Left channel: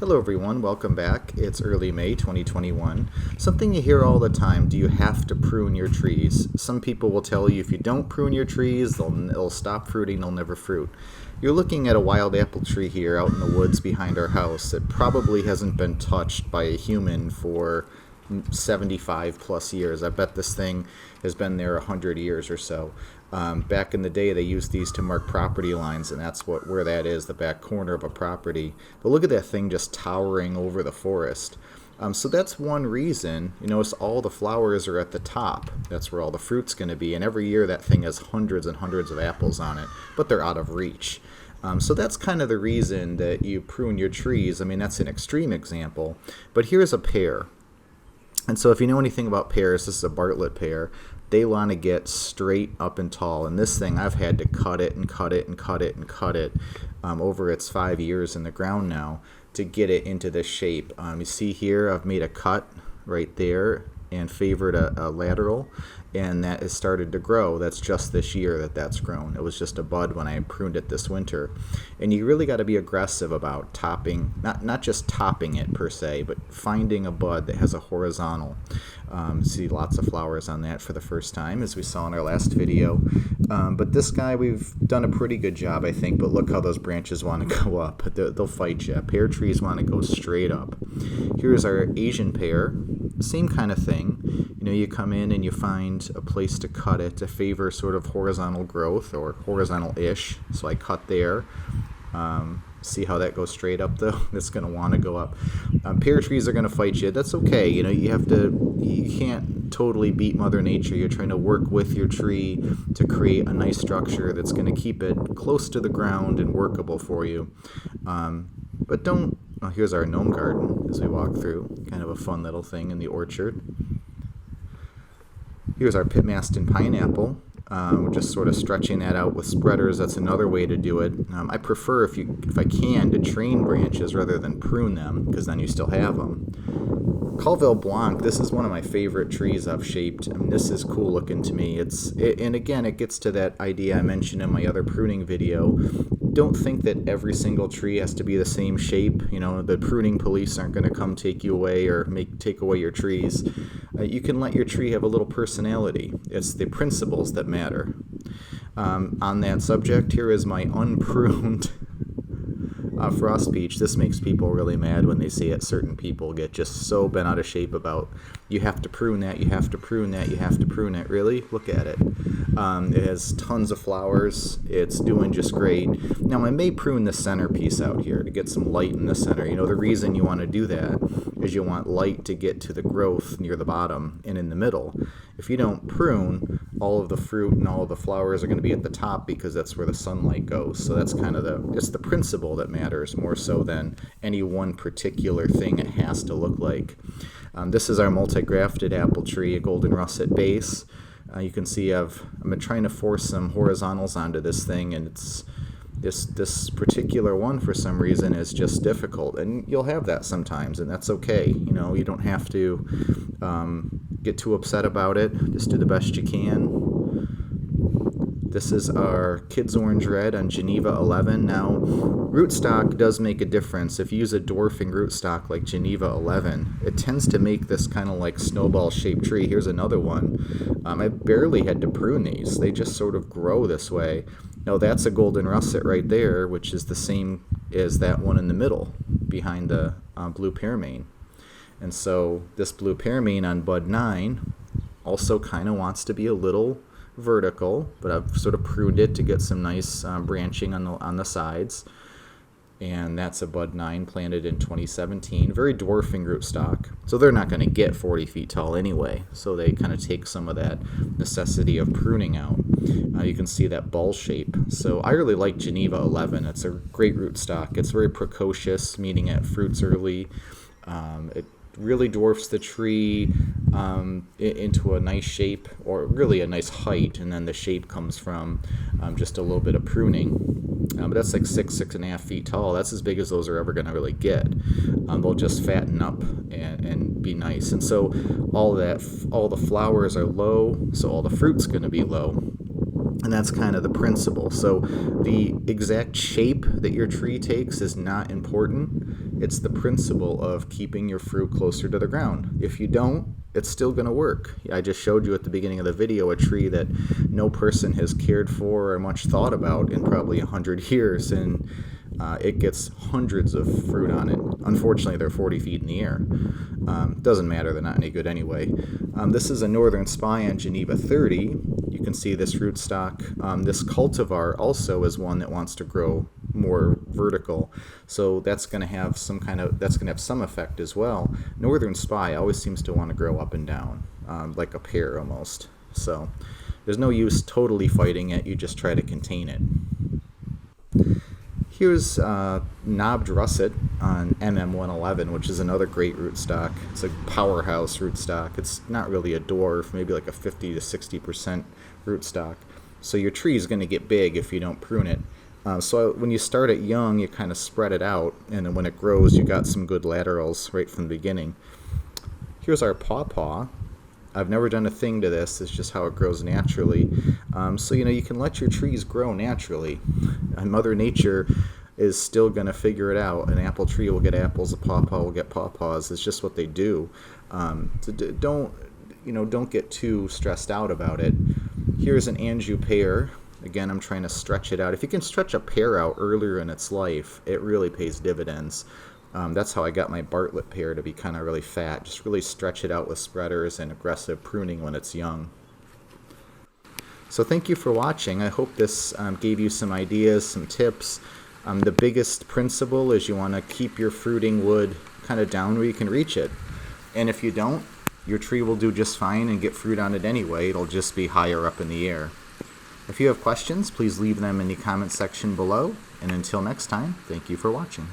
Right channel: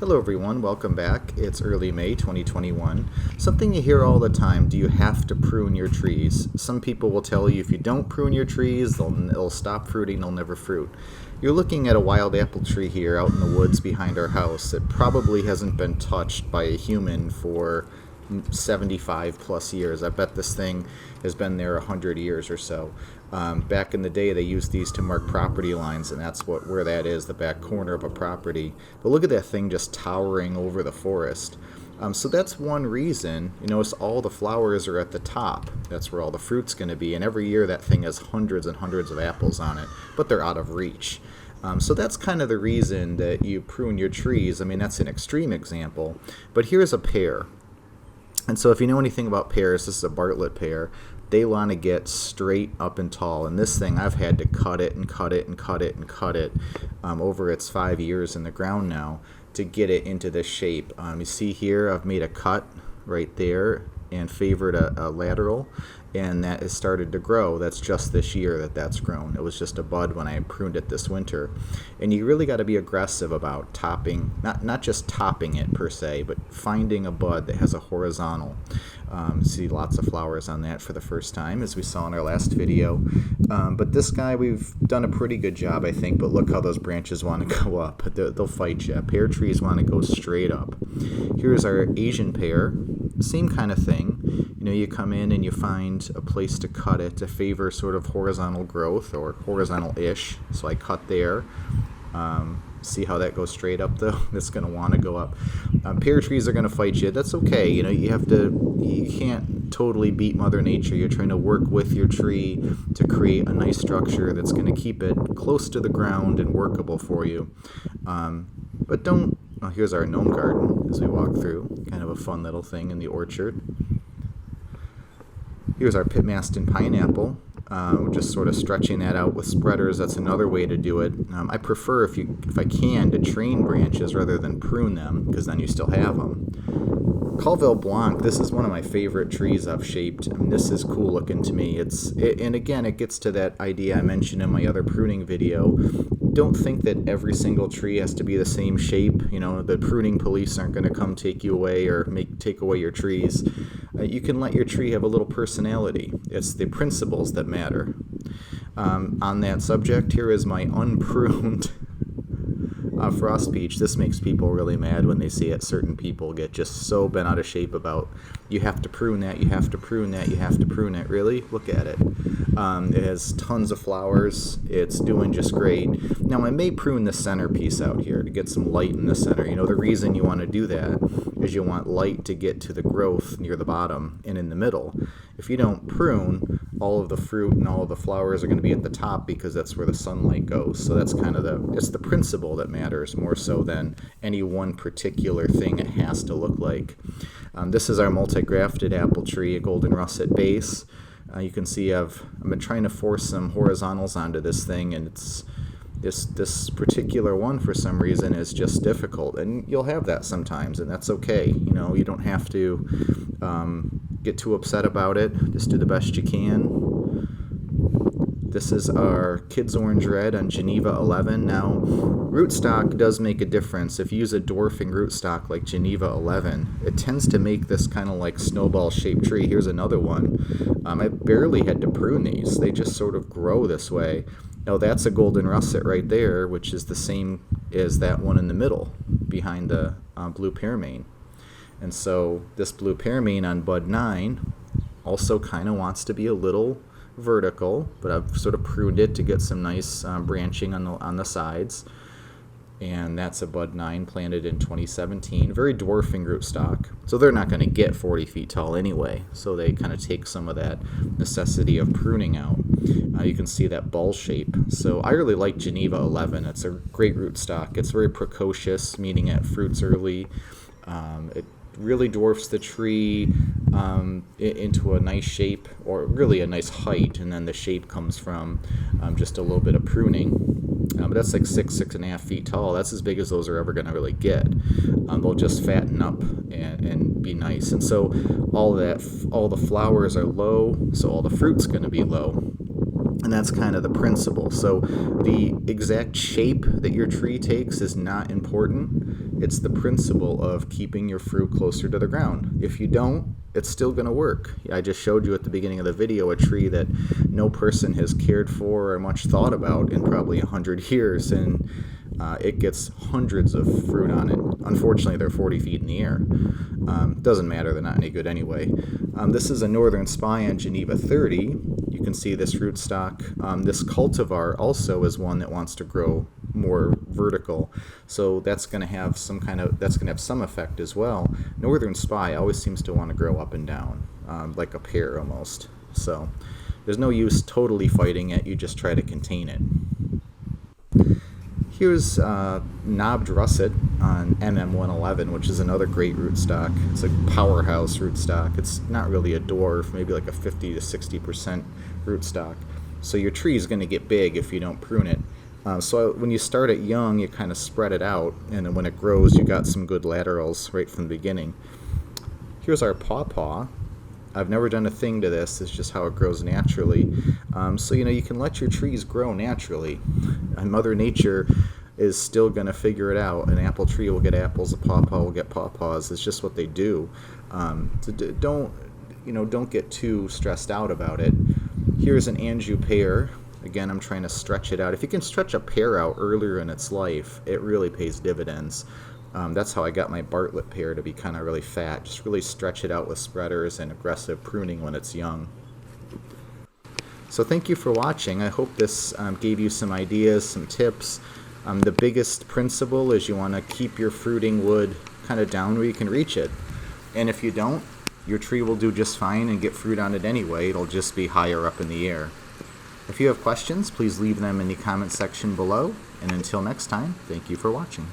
Hello everyone, welcome back. It's early May 2021. Something you hear all the time, do you have to prune your trees? Some people will tell you if you don't prune your trees, they'll stop fruiting, they'll never fruit. You're looking at a wild apple tree here out in the woods behind our house. It probably hasn't been touched by a human for 75 plus years. I bet this thing has been there 100 years or so. Back in the day, they used these to mark property lines, and that's where that is, the back corner of a property. But look at that thing just towering over the forest. So that's one reason. You notice all the flowers are at the top. That's where all the fruit's going to be. And every year that thing has hundreds and hundreds of apples on it, but they're out of reach. So that's kind of the reason that you prune your trees. I mean, that's an extreme example. But here's a pear. And so if you know anything about pears, this is a Bartlett pear. They want to get straight up and tall. And this thing, I've had to cut it and cut it and cut it and cut it over its 5 years in the ground now to get it into this shape. You see here, I've made a cut right there and favored a lateral, and that has started to grow. That's just this year that's grown. It was just a bud when I pruned it this winter. And you really got to be aggressive about topping, not just topping it per se, but finding a bud that has a horizontal. See lots of flowers on that for the first time, as we saw in our last video. But this guy, we've done a pretty good job, I think. But look how those branches want to go up. They'll fight you. Pear trees want to go straight up. Here's our Asian pear. Same kind of thing. You know, you come in and you find a place to cut it to favor sort of horizontal growth or horizontal-ish. So I cut there. See how that goes straight up though? It's going to want to go up. Pear trees are going to fight you. That's okay. You know, you can't totally beat Mother Nature. You're trying to work with your tree to create a nice structure that's going to keep it close to the ground and workable for you. But don't. Well, here's our gnome garden as we walk through. Kind of a fun little thing in the orchard. Here's our Pitmaston pineapple. We're just sort of stretching that out with spreaders. That's another way to do it. I prefer, if I can, to train branches rather than prune them, because then you still have them. Calville Blanc, this is one of my favorite trees I've shaped. I mean, this is cool looking to me. And again, it gets to that idea I mentioned in my other pruning video. Don't think that every single tree has to be the same shape. You know, the pruning police aren't going to come take you away or take away your trees. You can let your tree have a little personality. It's the principles that matter. On that subject, here is my unpruned frost peach. This makes people really mad when they see it. Certain people get just so bent out of shape about, you have to prune that, you have to prune that, you have to prune it. Really? Look at it. It has tons of flowers. It's doing just great. Now, I may prune the center piece out here to get some light in the center. You know, the reason you want to do that is you want light to get to the growth near the bottom and in the middle. If you don't prune, all of the fruit and all of the flowers are going to be at the top because that's where the sunlight goes. So that's kind of it's the principle that matters more so than any one particular thing it has to look like. This is our multi-grafted apple tree, a golden russet base. You can see I've been trying to force some horizontals onto this thing, and it's this particular one for some reason is just difficult, and you'll have that sometimes, and that's okay. You know, you don't have to get too upset about it. Just do the best you can. This is our Kids Orange Red on Geneva 11. Now, rootstock does make a difference. If you use a dwarfing rootstock like Geneva 11, it tends to make this kind of like snowball-shaped tree. Here's another one. I barely had to prune these. They just sort of grow this way. Now, that's a golden russet right there, which is the same as that one in the middle behind the blue pearmain. And so this blue pearmain on bud 9 also kind of wants to be a little vertical, but I've sort of pruned it to get some nice branching on the sides. And that's a bud 9 planted in 2017. Very dwarfing rootstock. So they're not going to get 40 feet tall anyway. So they kind of take some of that necessity of pruning out. You can see that ball shape. So I really like Geneva 11. It's a great rootstock. It's very precocious, meaning it fruits early. It really dwarfs the tree into a nice shape, or really a nice height, and then the shape comes from just a little bit of pruning. But that's like 6.5 feet tall. That's as big as those are ever going to really get. They'll just fatten up and be nice. And so all the flowers are low, so all the fruit's going to be low. And that's kind of the principle. So the exact shape that your tree takes is not important. It's the principle of keeping your fruit closer to the ground. If you don't, it's still going to work. I just showed you at the beginning of the video a tree that no person has cared for or much thought about in probably 100 years, and it gets hundreds of fruit on it. Unfortunately, they're 40 feet in the air. Doesn't matter, they're not any good anyway. This is a Northern Spy on Geneva 30. You can see this rootstock. This cultivar also is one that wants to grow more vertical, so that's going to have some effect as well. Northern Spy always seems to want to grow up and down, like a pear almost. So there's no use totally fighting it, you just try to contain it. Here's knobbed russet on MM111, which is another great rootstock. It's a powerhouse rootstock. It's not really a dwarf, maybe like a 50 to 60% rootstock. So your tree is going to get big if you don't prune it. So when you start it young, you kind of spread it out, and then when it grows, you got some good laterals right from the beginning. Here's our pawpaw. I've never done a thing to this. It's just how it grows naturally. So you can let your trees grow naturally. And Mother Nature is still going to figure it out. An apple tree will get apples. A pawpaw will get pawpaws. It's just what they do. So don't get too stressed out about it. Here's an Anjou pear. Again, I'm trying to stretch it out. If you can stretch a pear out earlier in its life, it really pays dividends. That's how I got my Bartlett pear to be kind of really fat. Just really stretch it out with spreaders and aggressive pruning when it's young. So thank you for watching. I hope this gave you some ideas, some tips. The biggest principle is you want to keep your fruiting wood kind of down where you can reach it. And if you don't, your tree will do just fine and get fruit on it anyway. It'll just be higher up in the air. If you have questions, please leave them in the comment section below. And until next time, thank you for watching.